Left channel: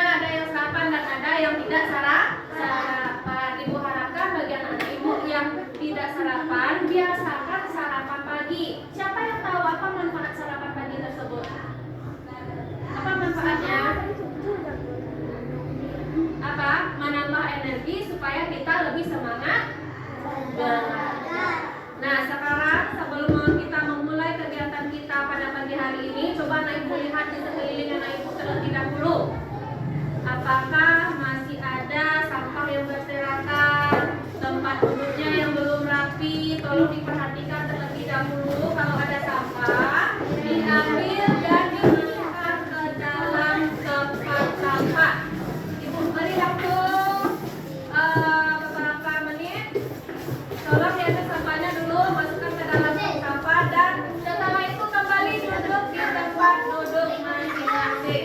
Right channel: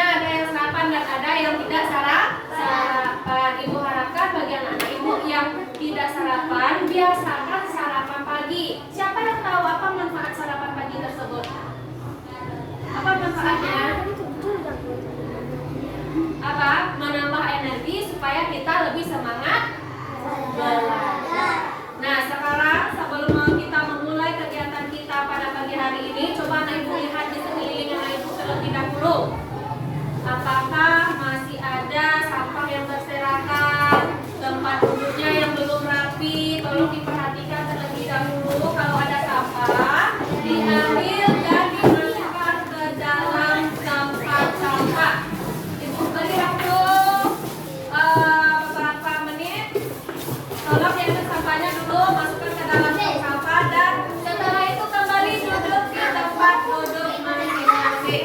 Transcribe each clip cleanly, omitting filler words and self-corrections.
paginya ada yang sarapan dan ada yang tidak sarapan. Ibu harapkan bagi anak-anak ibu yang tidak sarapan, biasakan sarapan pagi. Siapa yang tahu apa manfaat sarapan pagi tersebut? Apa manfaatnya? Apa? Menambah energi supaya kita lebih semangat belajar. Nah, sekarang sebelum kita memulai kegiatan kita pada pagi hari ini, coba anak ibu lihat di sekeliling anak ibu terlebih dahulu. Apakah masih ada sampah yang berserakan, tempat duduknya yang belum rapi? Tolong diperhatikan terlebih dahulu. Kalau ada sampah, diambil dan dimasukkan ke dalam tempat sampah. Ibu beri waktu beberapa menit. Tolong diambil sampahnya dulu, masukkan ke dalam tong sampah, dan setelah itu kembali duduk di tempat duduk masing-masing.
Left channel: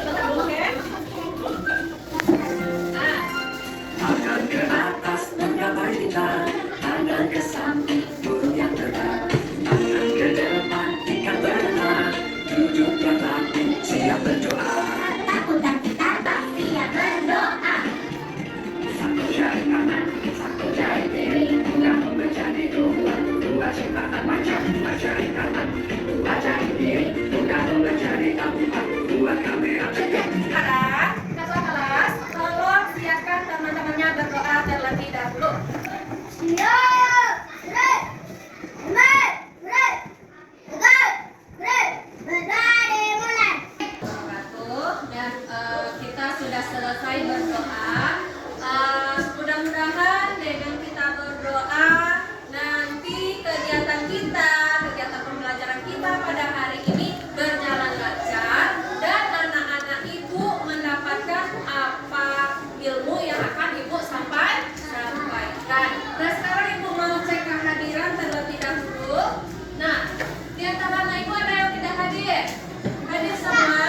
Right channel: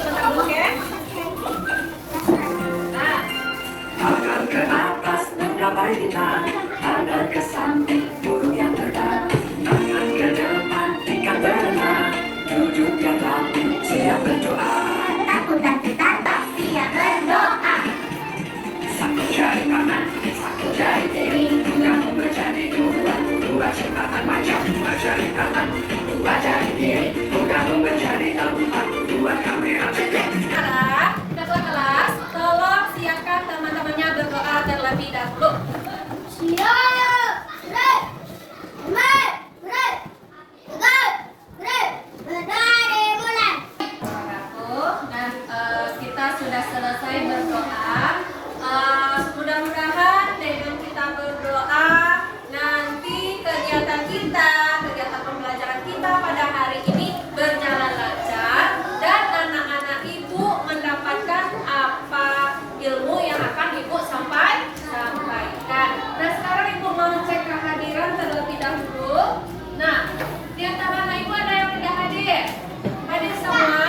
Sebentar dulu, oke? Tangan ke atas menggapai bintang, tangan ke samping burung yang terbang, tangan ke depan ikan berenang, duduk yang rapi siap berdoa. Takut dan tak siap berdoa. Satu jari kanan, satu jari kiri, kamu menjadi dua ciptaan macam, dua jari kanan, dua jari kiri, kamu menjadi empat, dua kamera cekik. Sekarang, ketua kelas, tolong siapkan teman-temannya berdoa terlebih dahulu. Dan kita sudah selesai berdoa. Mudah-mudahan dengan kita berdoa, nanti kegiatan kita, kegiatan pembelajaran kita pada hari ini berjalan lancar dan anak-anak ibu mendapatkan apa ilmu yang akan ibu sampaikan. Nah, sekarang ibu mau cek kehadiran terlebih dahulu. Nah, di antara anak ibu ada yang tidak hadir? Hadir semua?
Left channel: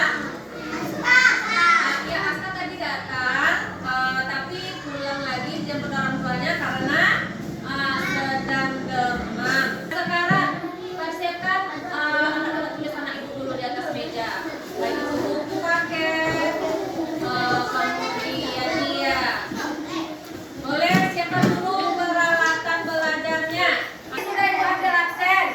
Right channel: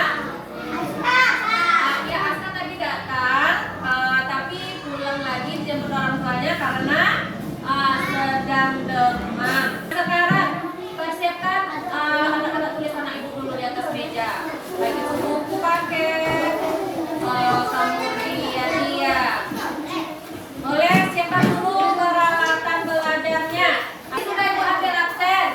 Ya, Asta tadi datang, tapi pulang lagi dijemput orang tuanya karena sedang demam. Sekarang persiapkan alat-alat tulis anak ibu dulu di atas meja. Baik itu buku paket, kemudian dia. Boleh siapkan dulu peralatan belajarnya. Sudah ibu ambil absen,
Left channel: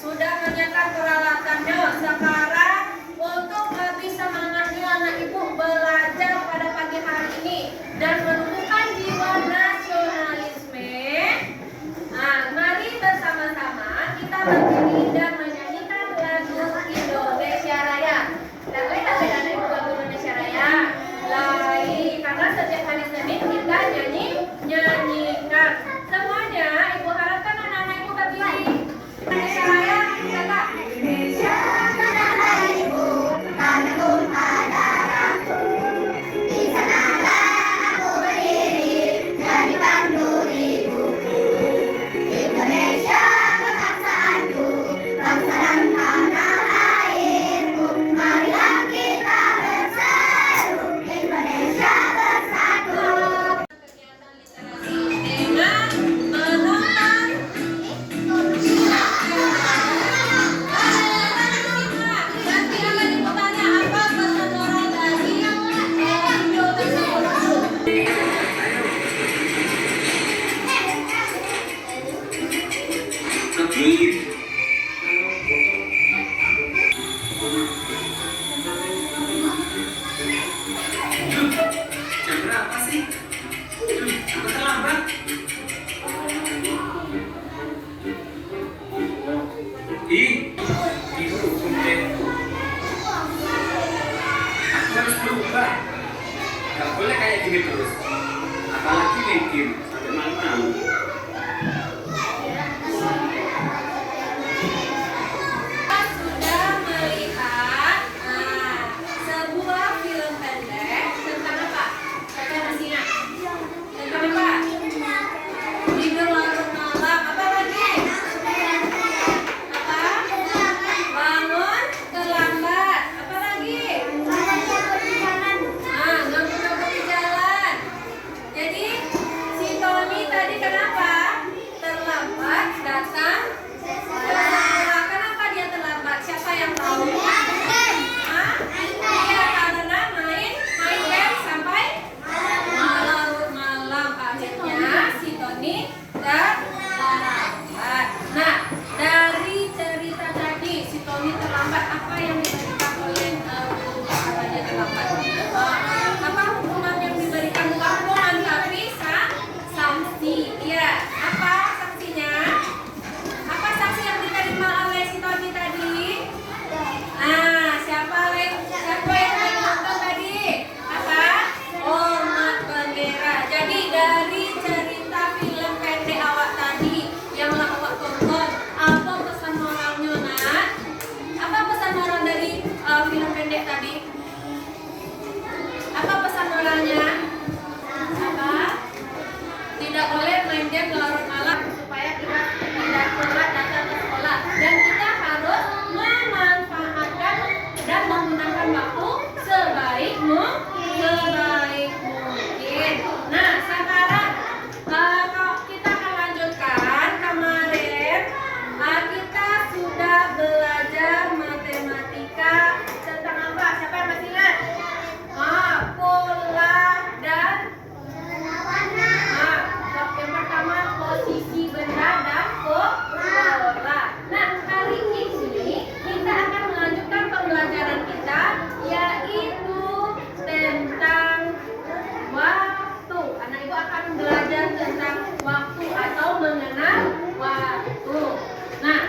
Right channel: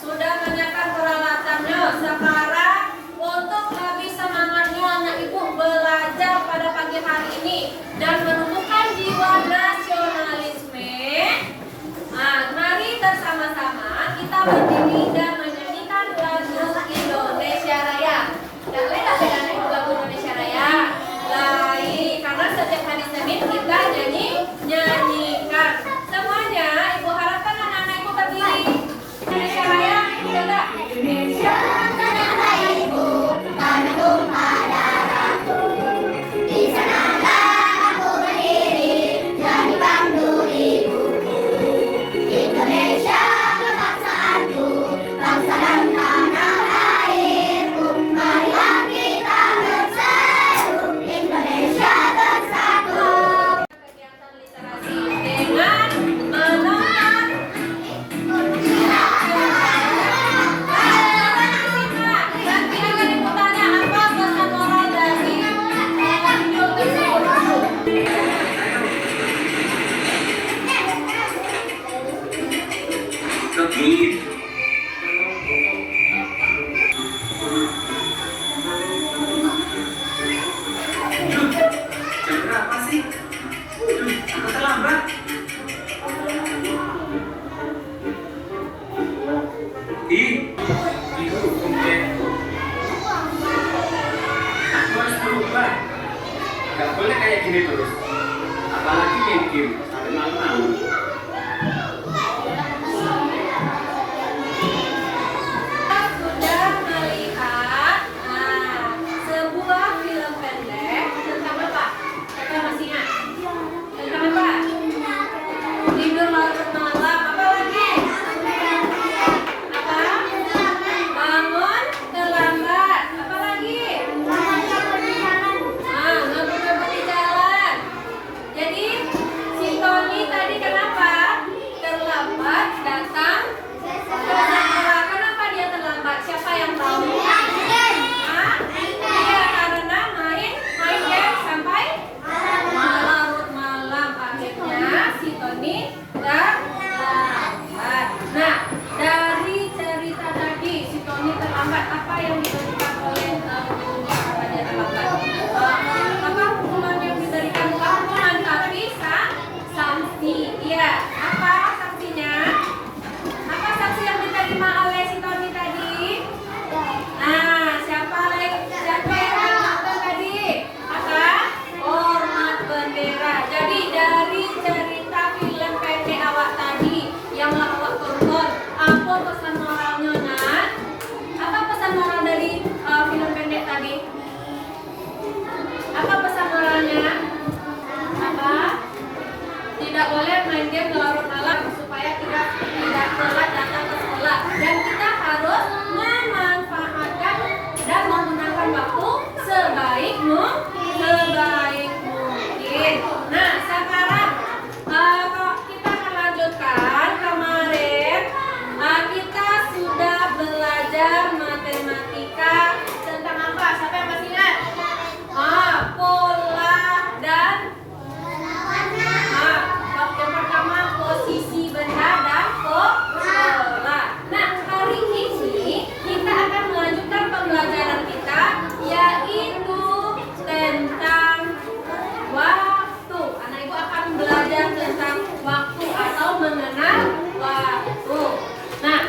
sudah menyiapkan peralatannya. Sekarang untuk lebih semangatnya anak ibu belajar pada pagi hari ini dan menumbuhkan jiwa nasionalisme. Nah, mari bersama-sama kita berdiri dan menyanyikan lagu Indonesia Raya. Dan lain bedanya ibu lagu Indonesia Raya. Lain karena setiap hari Senin kita nyanyikan. Semuanya ibu harapkan anak-anak ibu berdiri. Indonesia Raya, bisa nggak? Indonesia tanah ibu, tanahku darahku. Di sanalah aku berdiri dan dipandu ibuku. Indonesia kebangsaanku, bangsa dan tanah airku. Marilah kita berseru, Indonesia bersatu. Kegiatan literasi dengan menonton nanti akan ditanya apa pesan moral dari Begini. Jam berapa sih? Aku terlambat. Dihukum deh. Aku harus berubah. Gak boleh kayak gini terus. Apalagi main game sampai malam-malam. sudah melihat sebuah film pendek tentang apa? Siapa yang masih ingat? Tentang apa? Tidur larut malam. Apa lagi? Apa? Bangun terlambat. Apa lagi? Ngebut-ngebut di jalan. Jadi si Tony tadi kenapa? game larut malam supaya tidak telat datang ke sekolah. Dan kita harus memanfaatkan dan menggunakan waktu sebaik mungkin. Nah, sekarang kita akan lanjutkan. Kemarin kita sudah belajar matematika tentang apa? Siapa yang masih ingat? Pola dan yang pertama posisi benda dan pola. Nah, hari ini kita akan melanjutkan pembelajaran kita, yaitu tentang waktu. Anak ibu akan belajar tentang waktu atau mengenal waktu. Nah,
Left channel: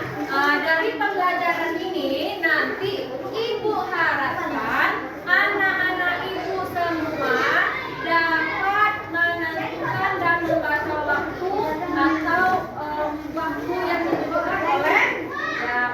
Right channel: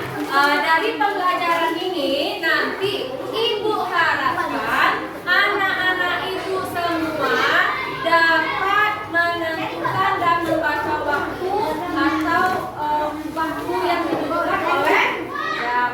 dari pembelajaran ini nanti ibu harapkan anak-anak ibu semua dapat menentukan dan membaca waktu atau waktu yang ditentukan oleh jam.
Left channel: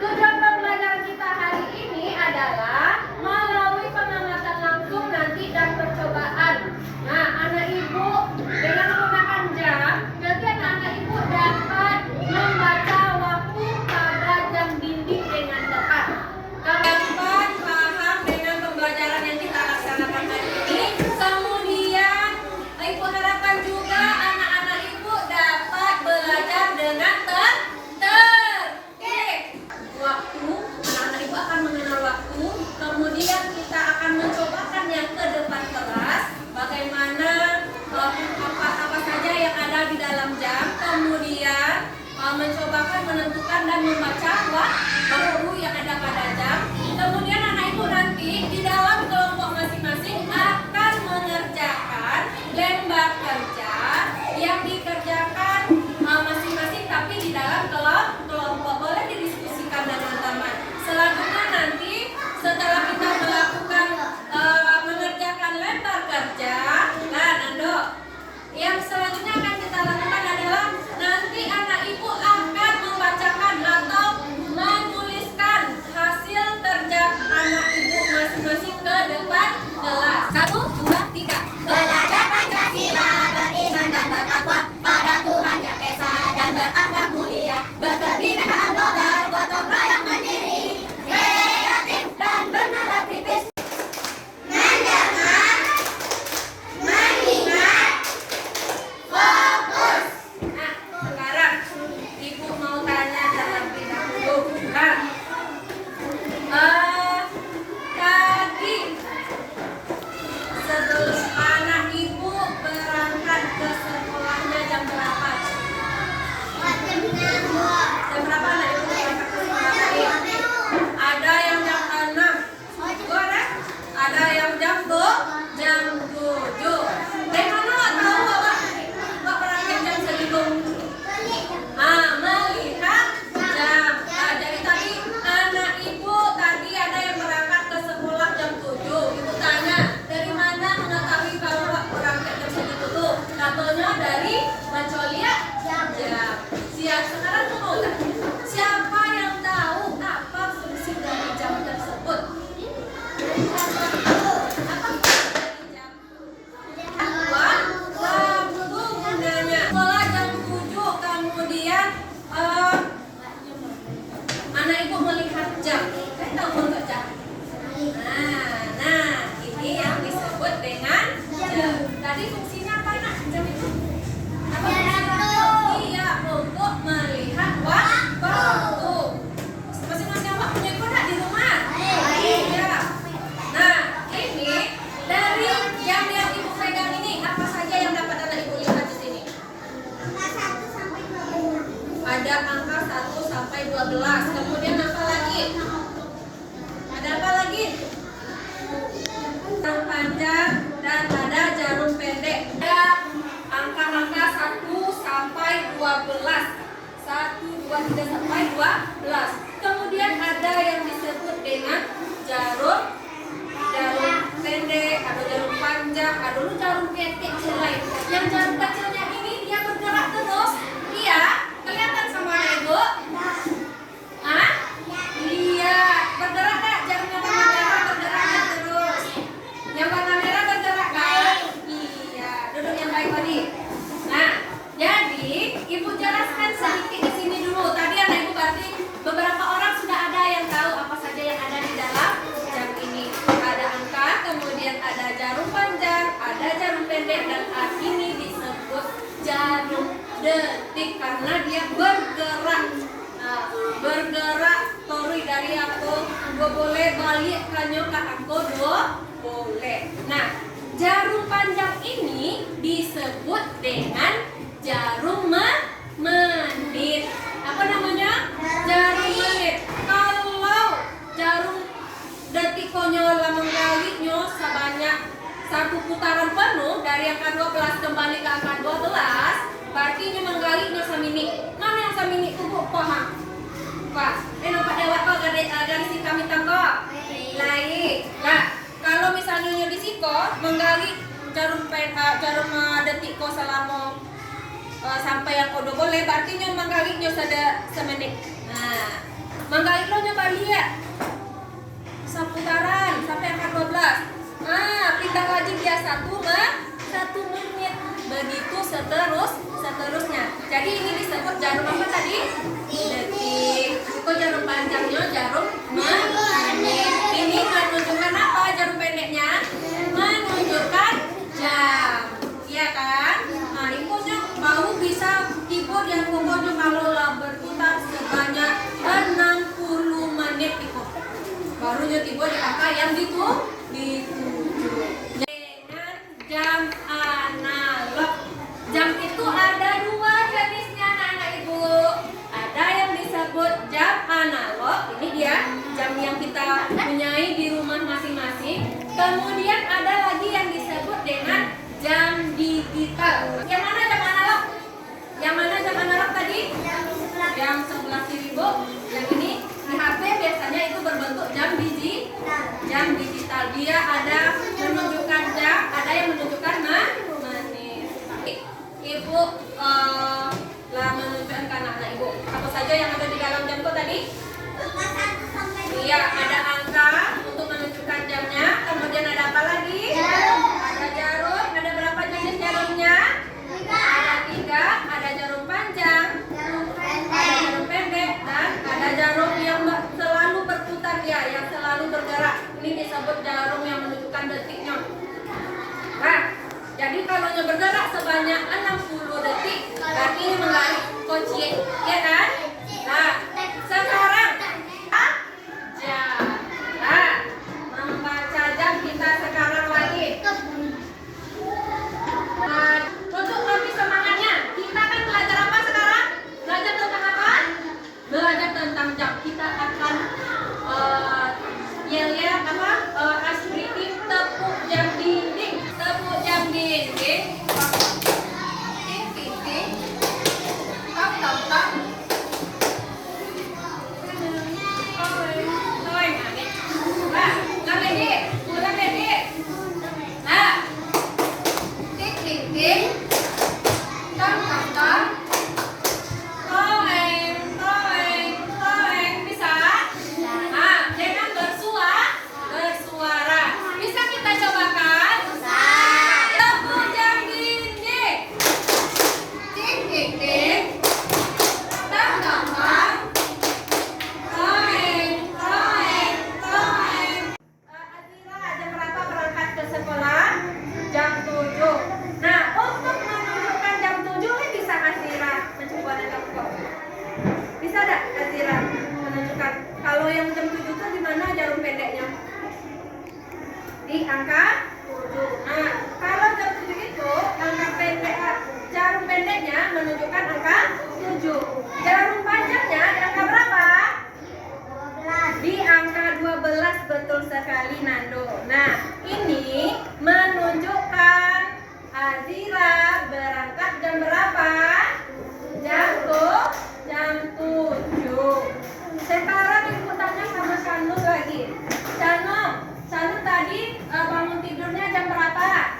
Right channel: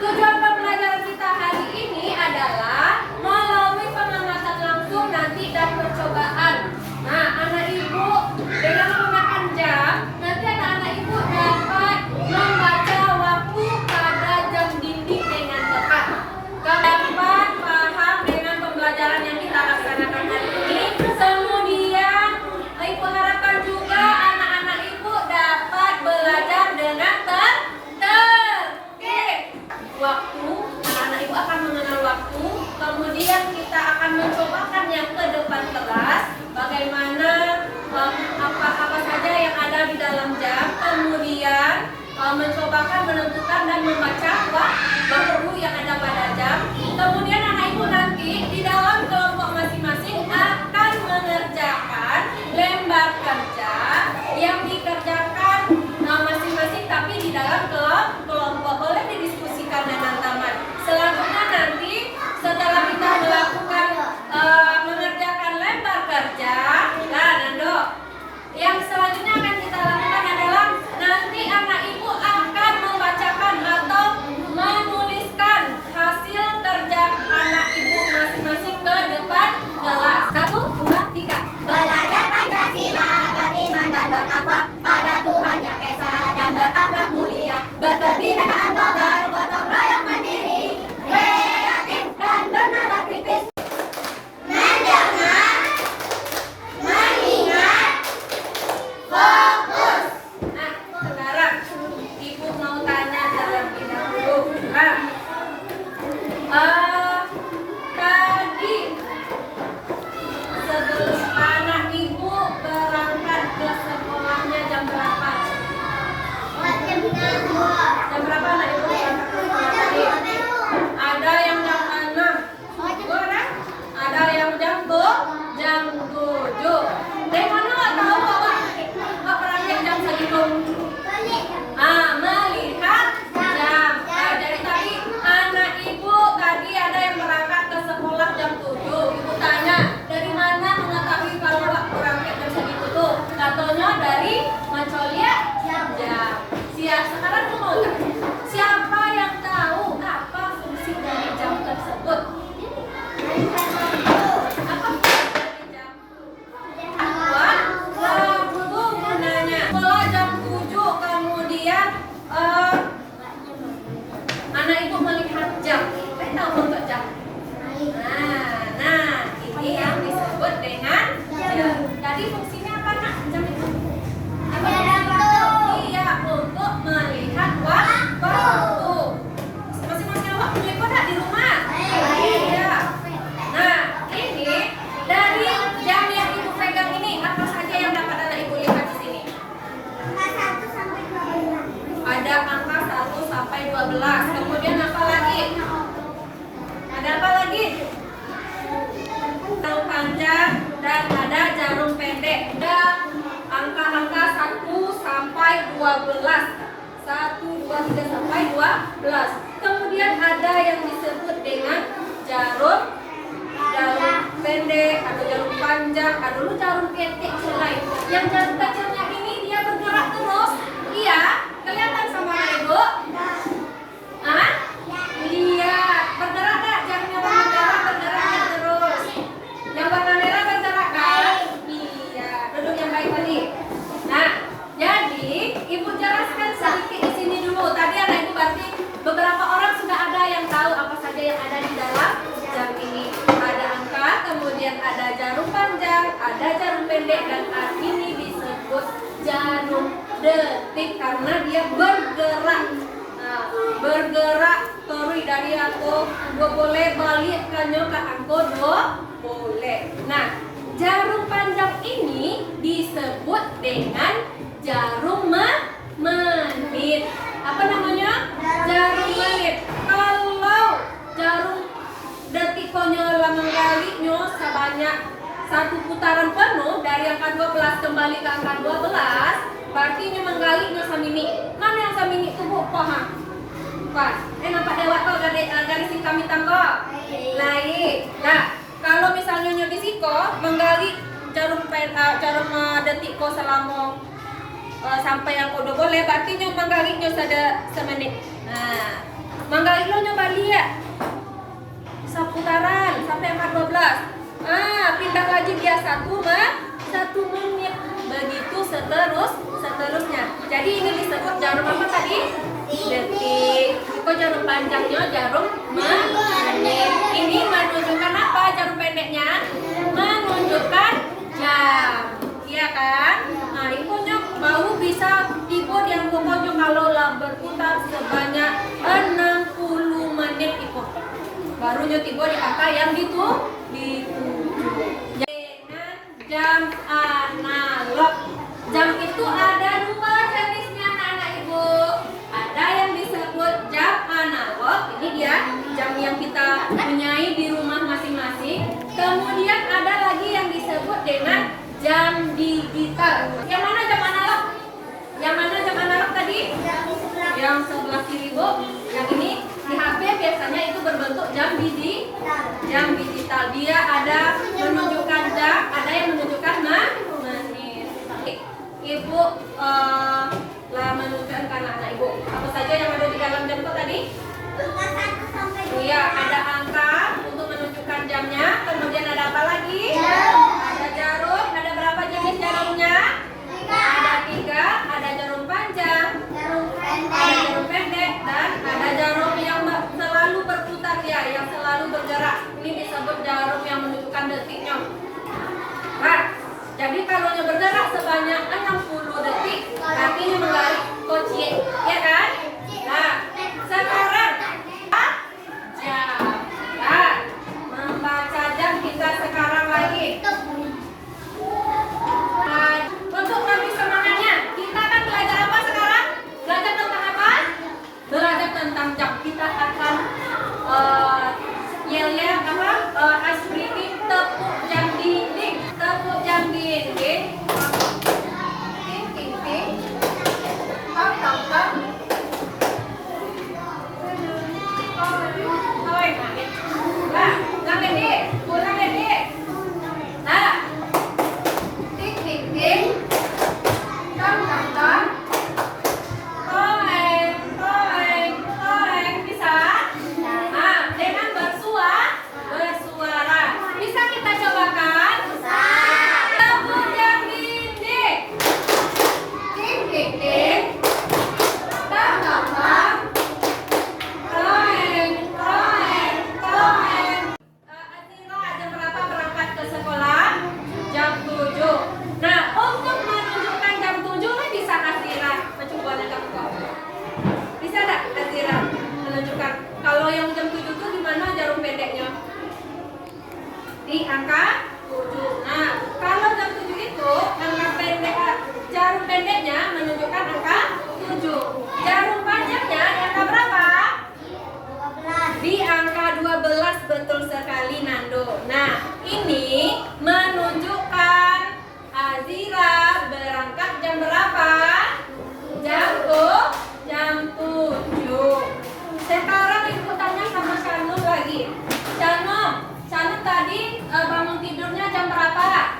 Tujuan pembelajaran kita hari ini adalah melalui pengamatan langsung nanti dan percobaan. Nah, anak ibu dengan menggunakan jam, nanti anak-anak ibu dapat membaca waktu pada jam dinding dengan tepat. Dapat paham dengan pembelajaran yang kita laksanakan hari ini. Kemudian ibu harapkan juga anak-anak ibu dapat belajar dengan tertib. Waktu, anak ibu akan mengenal waktu. Kemudian kita akan mencobakan yang ke depan kelas, bagaimana apa saja yang ada di dalam jam. Kemudian mencobakan menentukan dan membaca waktu yang ada pada jam. Kemudian anak ibu nanti di dalam kelompok masing-masing akan mengerjakan lembar kerja yang dikerjakan masing-masing tapi di dalam kelompok. Boleh didiskusikan dengan teman. Selanjutnya nanti setelah kita melakukan mengerjakan lembar kerja, Nando, yang selanjutnya akan kita lakukan adalah nanti anak ibu akan membacakan atau menuliskan hasil kerja anak ibu masing-masing ke depan kelas. 1, 2, 3. Belajar Pancasila, beriman dan bertakwa pada Tuhan Yang Esa dan berakhlak mulia, berkebinekaan global, gotong royong mandiri, kreatif dan bernalar kritis, mendengar, mengingat, fokus. Nah, sekarang ibu mau tanya terlebih dahulu. Tadi sebelum anak ibu berangkat ke sekolahnya jam berapa? Jam berapa anak ibu berangkat ke sekolah tadi? Ada yang jam 6. Boleh? Ada yang jam 7. Dari mana nggak tahu nggak berangkat jam segitu? Melihat jam. Dari tadi anak ibu tadi ada yang berangkat ke sekolah jam 7. Ibu tanya, dari mana mengetahui kalau berangkat jam segitu tuh? Katanya dari mencolia jam. Sekarang tuh mau tanya, siapa yang tahu apa fungsi dari jam tersebut? Apa fungsi dari jam? Waktu gunanya. Sekolah jam 7, kemudian anak ibu melihat jam. Saya tahu nggak jam? Nah, ini yang disebut dengan jam. Tadi fungsinya apa nak jam itu? Iya, untuk melihat waktu. Masing-masing waktu ikut nggak di rumah? Iya. Nah, ini dari jam yang ibu pegang ini apa saja yang dapat anak ibu lihat di sini? Ada angka 1 sampai 12. Kemudian apa lagi? Ada apa lagi? Jarum panjang dan ada jarum pendek. Ada angka-angka 1 sampai 12. 1, 2, 3 sampai 12. Kemudian ada yang disebut dengan jarum pendek, ada jarum panjang, ada dulu jarum kecil lain. Yang jarum kecilnya ini dia bergerak terus. Iya, kelihatan sama anak ibu? Iya, bergerak nggak? Jarumnya warna merah bergeraknya terus. Yang warna merah bergerak nggak? Iya, duduk yang baik tadi. Nah, jadi ada jarum pendek dan ini disebut jarum detik karena dia bergerak. Nah, bergerak tori dari aku dua boleh balik kanyo ke aku dua boleh. Nah, jarum panjang ini disebut dengan jarum menit. Apa namanya? Jarum menit. Kalau jarum detik konyola menggalinya sebanyak satu putaran penuh dari angka 12 kembali ke angka 12, berarti nya menggalinya samini. Mana yang samini itu Bu? Paham? Pas. Nampak dewa kok garis hitam hitam kok. Lain. Nah, kalau misalnya nyo di siko menggali jarum detik ko selama sampai yang kodo boleh, berarti nyo menggali nyo sada semenit. Nah, menggali lo nyo balik ya. Seputaran sampai angka 12. Pindah lagi dia 1 menit. Begitu seterusnya. Jadi ini disebut jarum apa tadi? Detik. Kok jarum panjangnya jarum menit. Ini menunjukkan apa jarum pendeknya? Menunjukkan jam. Iya kan? Nah, ibunya mau bisa tiba yang pokoknya kalau lah berputar sebanyak 60 menit ikut. Barunya tiba di angka yang dituju. Dengan jam analog. Jam itu ada dua jenisnya anak-anak ibu. Ada yang disebut jam analog. Ini dia jam yang kita punyai di rumah masing-masing. Kemudian ada lagi yang disebut dengan jam digital. Yang mana jam analog? Yang mana jam analog tadi? Yang sebelah kiri Bu. Yang ini di HP biasanya itu berbentuk jam digital. Dia ada menunjukkan jam, ada yang menunjukkan menit. Ibu lah menunjukkan ke anak-anak ibu. Apa saja yang ada di dalam jam itu tadi? Iya, ada angka untuk menunjukkan jamnya. Kemudian ada apa lagi? Ada jarum. Ada berapa jenis jarumnya? Ada 3. Ada jarum panjang, ada jarum pendek, dan ada jarum yang selalu berputar ya, yang selalu bergerak. Ini disebut jarum yang menunjukkan detiknya. Nah, jadi kalau nya bergerak sebanyak 60 detik, berarti menggali kunci, ya kan? Nah, sekarang jam. Nah, membaca jam kita sekarang lagi. Nah, untuk lebih semangatnya, kita akan belajar apa sekarang? Belajar tentang apa? Belajar tentang jam. Kita akan yel-yel apa? Asmini tepuk jam dinding. Tepuk jam dinding. Ting ting ting. Tong tong tong. Nah, ulang lagi. Ulang lagi. Nah, ting ting ting. Tong tong tong. Toeng, toeng, toeng. Bisa? Nah, dengan bersuara. Bisa kita cobakan? Tepuk jam dinding. Ting ting ting. Tong tong tong. Toeng, toeng, toeng. Azira, jam berapa berangkat ke sekolah? Jam 7. Nah, untuk menunjukkan jam 7 bisa Azira mencoba dengan kok. Bisa tak Azira menunjukkan kalau yang jam 7 itu di mana jarum pendeknya? Di angka 7. Nah, kalau jam 7 itu angka pendek, jarum pendeknya menunjukkan angka 7. Jarum panjangnya di angka berapa? Di angka 12, betul sekali Nando. Nah, ini menunjukkan Azira berangkat jam berapa? Jam 7. Sekarang ibu tanya sama Shanum lagi. Shanum tadi bangun tidurnya jam berapa?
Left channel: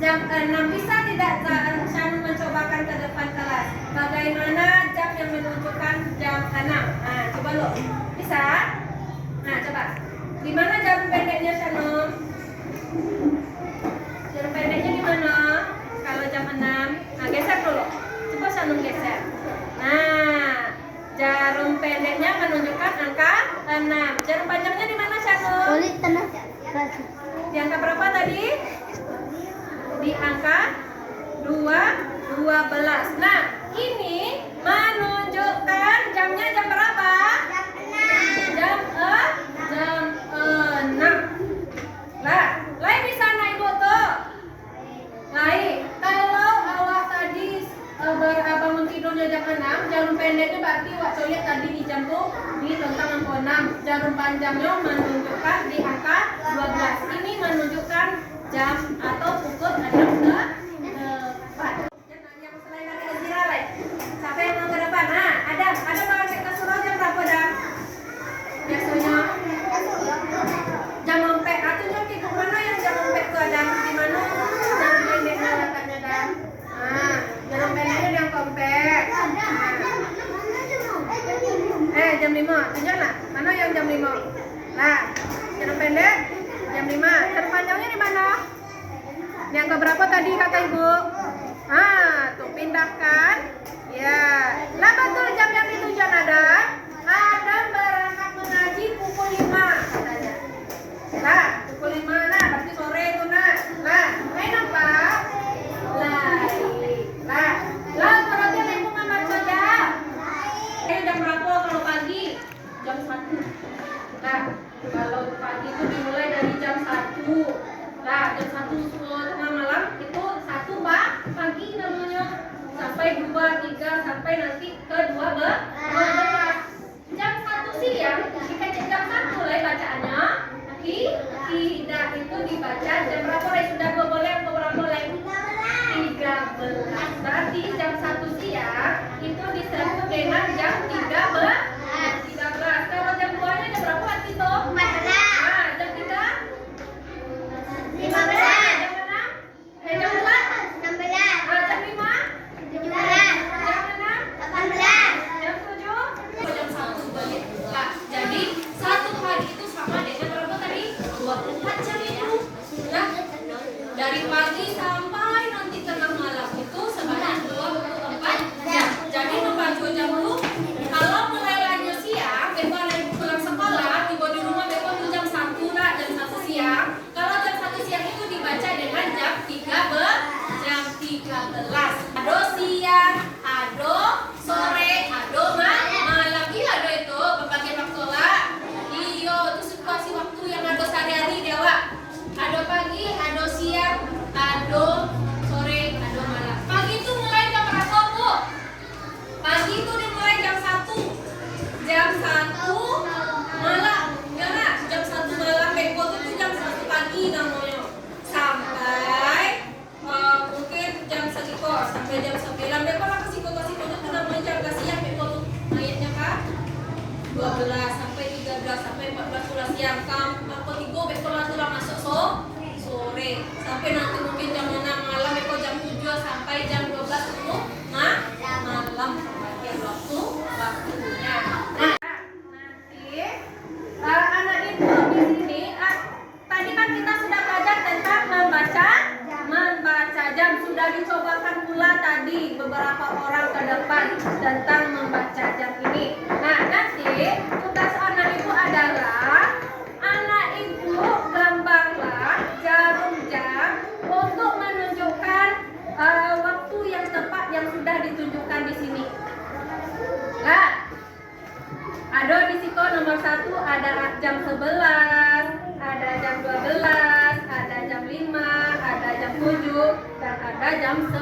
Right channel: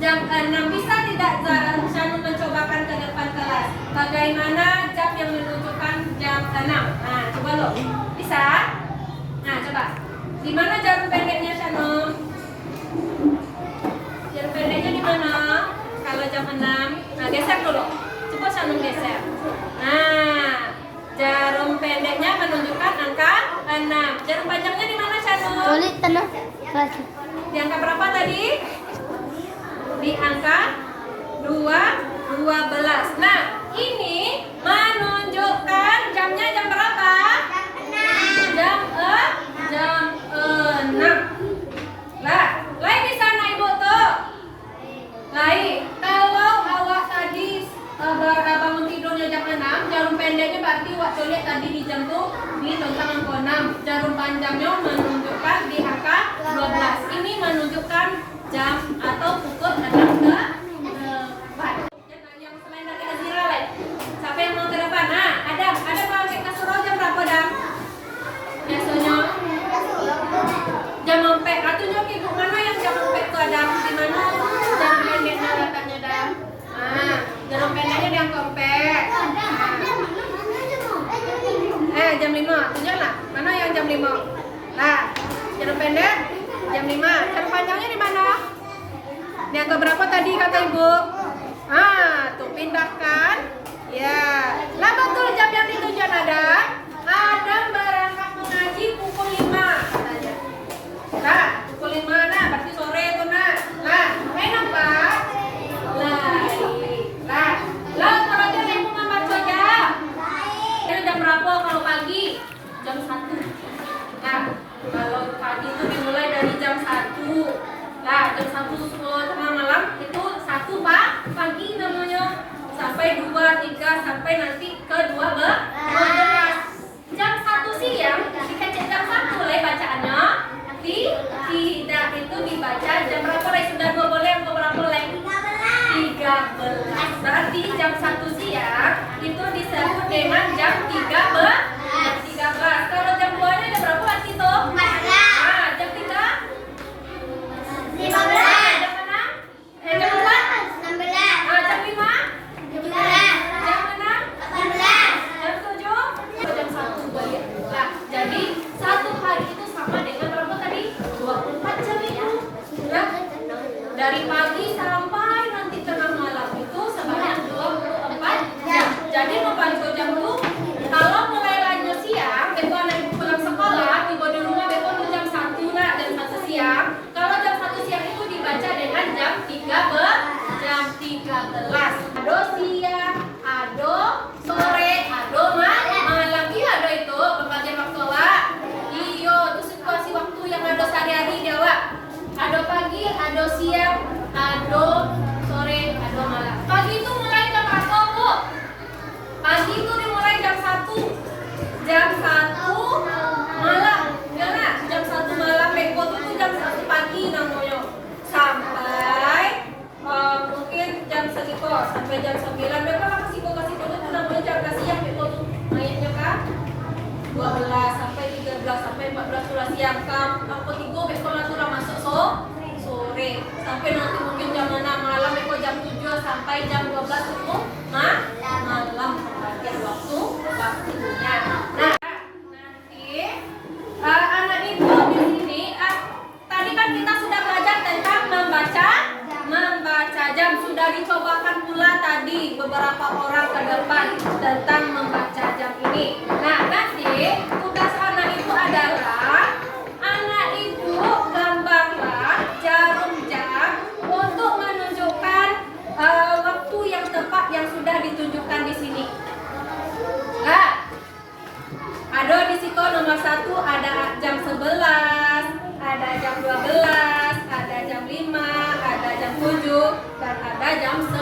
Jam 6. Bisa tidak Shanum mencobakan ke depan kelas? Bagaimana jam yang menunjukkan jam 6? Nah, coba lo. Bisa? Nah, coba. Di mana jarum pendeknya Shanum? Jarum pendeknya di mana? Kalau jam 6. Nah, geser dulu. Coba Shanum geser. Nah, jarum pendeknya menunjukkan angka 6. Jarum panjangnya di mana Shanum? Sulit tenang. Di angka berapa 12. Nah, ini menunjukkan jamnya jam berapa? Jam 6. Lah, lain di sana Ibu tuh. Lain. Kalau awak tadi bangun tidurnya jam 6, jarum pendeknya berarti waktu lihat tadi di jam tuh ini tentang angka 6. Jarum panjangnya menunjukkan di angka 12. Ini menunjukkan jam atau pukul 6 ke 4. Yang selain dari Nazira lain. Siapa yang mau ke depan? Nah, ada pakai kasur jam berapa dah? Biasanya jam empek. Atunya ibu mana yang jam empek tuh ada di mana? Jam pendeknya letaknya dah. Nah, jarum pendeknya yang empek. Jam 5. Tunjuklah. Mana yang jam 5? Nah, jarum pendek jam 5. Jarum panjangnya di mana? Yang ke berapa tadi kata Ibu? Tuh pindahkan. Ya. Nah, betul jam yang ditunjuk ada. Adam berangkat mengaji pukul 5 katanya. Nah, pukul 5 nah, berarti sore itu nah. Lah, main apa? Lah, kalau dia yang mau baca jam. Jam berapa kalau pagi? Jam 1. Nah, kalau pagi itu dimulai dari jam 1. Nah, jam 1 tengah malam itu 1 pagi namanya. Sampai 2, 3, sampai nanti ke 12. Jam 1 siang dikecek jam 1 lah bacaannya. Tidak itu dibaca jam berapa lah? Sudah 2 boleh atau berapa lah? 13. Berarti jam 1 siang itu disebut dengan jam 13. Kalau jam 2 nya jam berapa berarti tuh? 14. Jam 3? 15. Jam 6? Jam 4? 16. Jam 5? 17. Jam 6? 18. Jam 7? Jam 1 balik. Nah, jadi 1 hari itu sama dengan berapa tadi? 24 jam itu. Nah, dari pagi sampai nanti tengah malam itu sebanyak 24 jam. Jadi membantu jam dulu. Kalau mulai lainnya siang, beko anak pulang sekolah, tiba di rumah beko tuh jam 1 nak, jam 1 siang. Kalau jam 1 siang itu dibaca dengan jam 13. Ado siang, ado sore, ado malam. Iya ada itu pembagian waktu lah. Iyo, itu situasi waktu yang ada sehari-hari dia Wak. Ado pagi, ado siang, ado sore, ado malam. Pagi itu mulai jam berapa Bu? Pagi itu dimulai jam 1. Jam 1 malam. Ya nak? Jam 1 malam beko itu jam 1 pagi namanya. Sampai mungkin jam segitu sampai jam 9 beko lah kasih itu namanya jam siang beko tuh ayatnya kan 12 sampai 13 sampai 14 pula siang sampai 3 beko lah tuh masuk sore sampai nanti mungkin jam 6 malam beko jam 7 sampai jam 12 itu malam pembagian waktunya. Nah, nanti anak ibu di sini tadi kan kita sudah belajar tentang membaca jam. Sudah dicobakan pula tadi beberapa orang ke depan tentang membaca jam ini. Nah, nanti tugas anak ibu adalah anak ibu gambarlah jarum jam untuk menunjukkan waktu yang tepat yang sudah ditunjukkan di sini. Nah, ada di situ nomor 1 ada jam 11, ada jam 12, ada jam 5, ada jam 7, dan ada jam 10.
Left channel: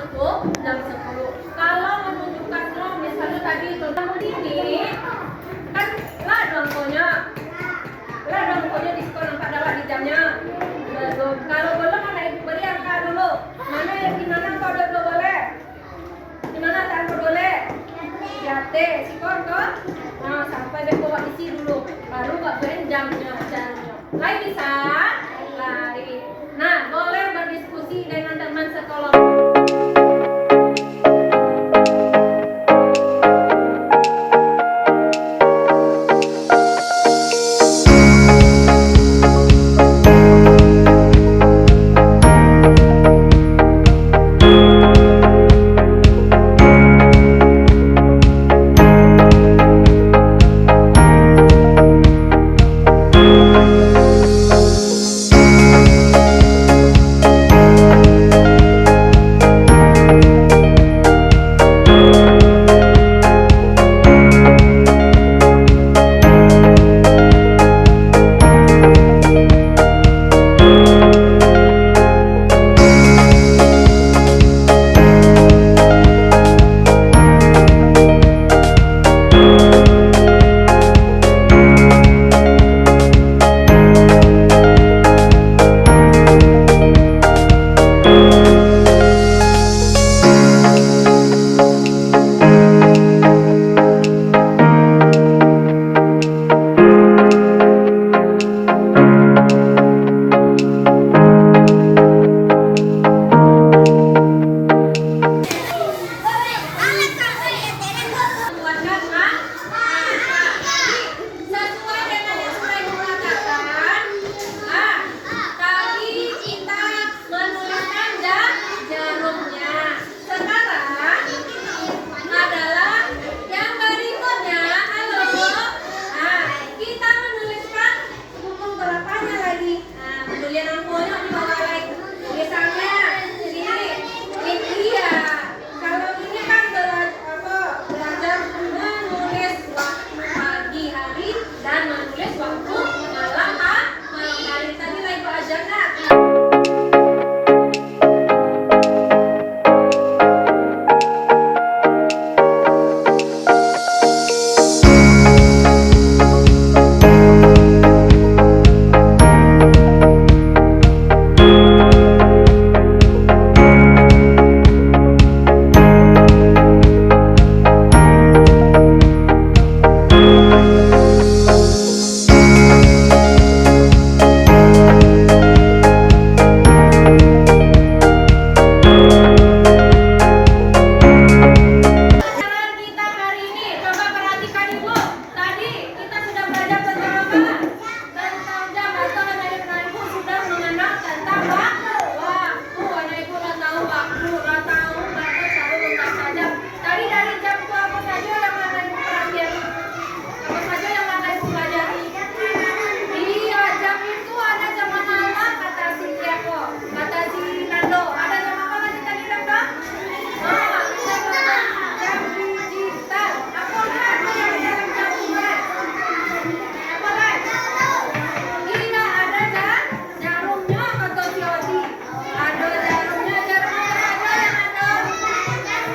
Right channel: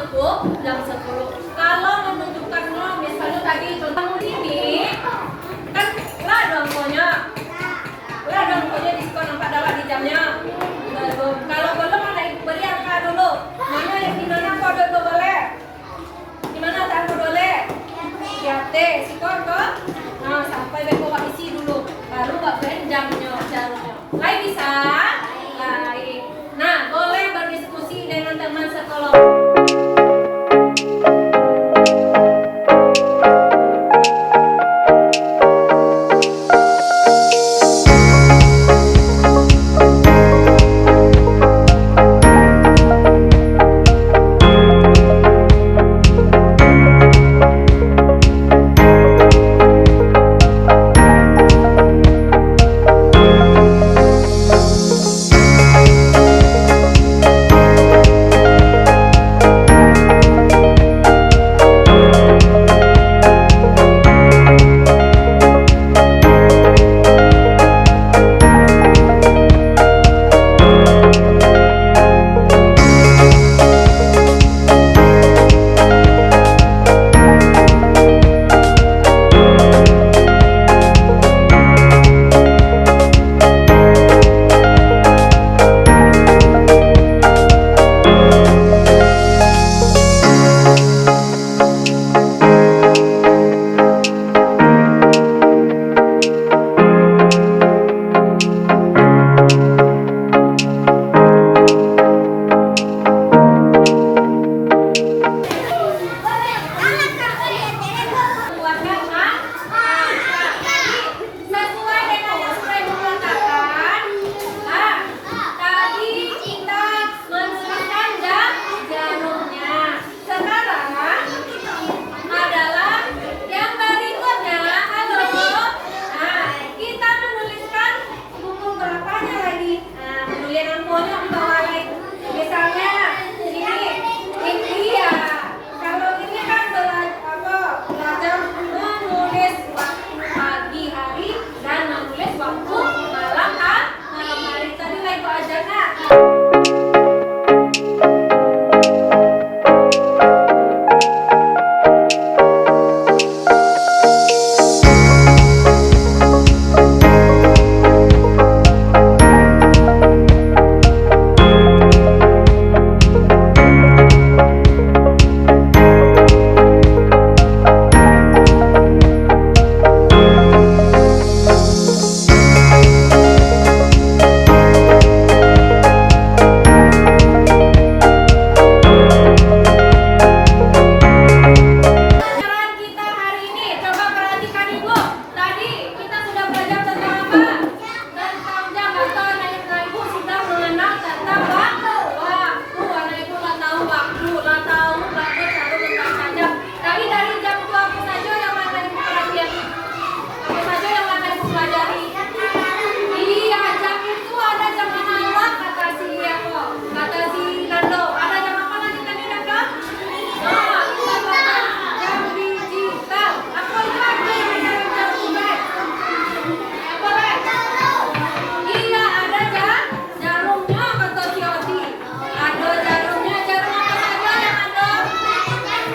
Kalau menunjukkannya misalnya tadi contoh ini kan lah dong pokoknya di situ nampak dalam di jamnya. Kalau belum anak ibu beri angka dulu. Mana yang di mana kode itu boleh? Di mana tak boleh? Jate sikon kok. Nah, sampai beko isi dulu. Baru bagian jamnya caranya. Lain bisa? Lain. Nah, boleh berdiskusi dengan teman sekolah. orang tuanya dibawa lagi. Misalnya ini ya. Kalau ini kan belajar menulis waktu pagi hari dan menulis waktu malam hari. Tadi lah Ibu ajarnya. Pelajaran kita hari ini, coba perhatikan Ibu. Tadi kita sudah belajar tentang apa? Tentang jam atau anak Ibu sudah mengenal tentang waktu. Anak Ibu lah tahu waktu, lah tahu waktu selalu membaca jam. Tadi dari jam itu apa saja yang anak Ibu perhatian? Apa saja yang anak Ibu pelajari? Iya, jam itu ada jam malam kata si kata si Nando. Ada jam apa lagi tadi Nando? Oh, kita belajar jam digital. Apa lagi yang jam digital? Apa lagi? Iya, ada jarumnya kata si Oti. Ada jarumnya, jarum apa saja yang ada?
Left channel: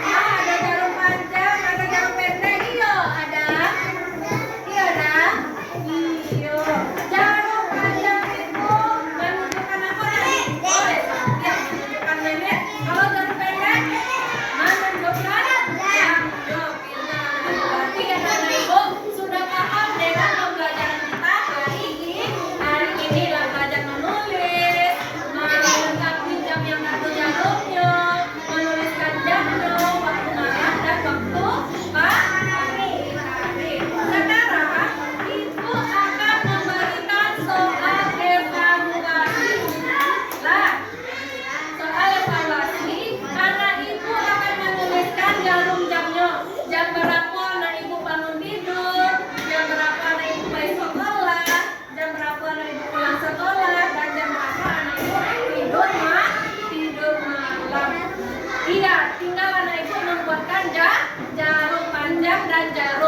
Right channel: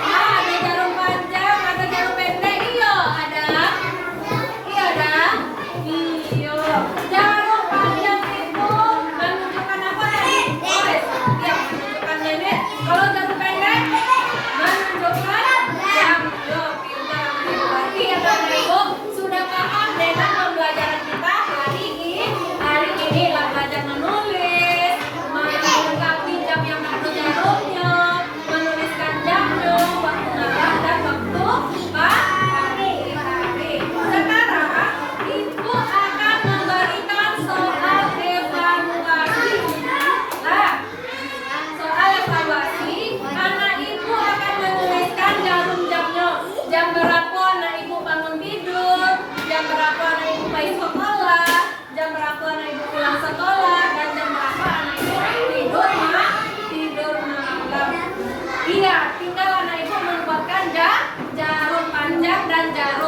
Ada jarum panjang, ada jarum pendek. Iya, ada. Iya, ada. Iya. Jarum panjang itu menunjukkan apa tadi? Oh, iya, menunjukkan menit. Kalau jarum pendek menunjukkan jam. Yo, pintar anak Ibu. Berarti anak Ibu sudah paham dengan pembelajaran kita hari ini. Hari ini lah belajar menulis, melengkapi jam yang ada jarumnya, menuliskan jamnya, waktu malam dan waktu pagi hari. Sekarang Ibu akan memberikan soal evaluasi. Nah, soal evaluasi, anak Ibu akan menuliskan jarum jamnya. Jam berapa anak Ibu bangun tidur, jam berapa anak Ibu pergi sekolah, jam berapa anak Ibu pulang sekolah, dan jam berapa anak Ibu tidur malam. Iya, tinggal anak Ibu membuatkan jarum panjang dan jarum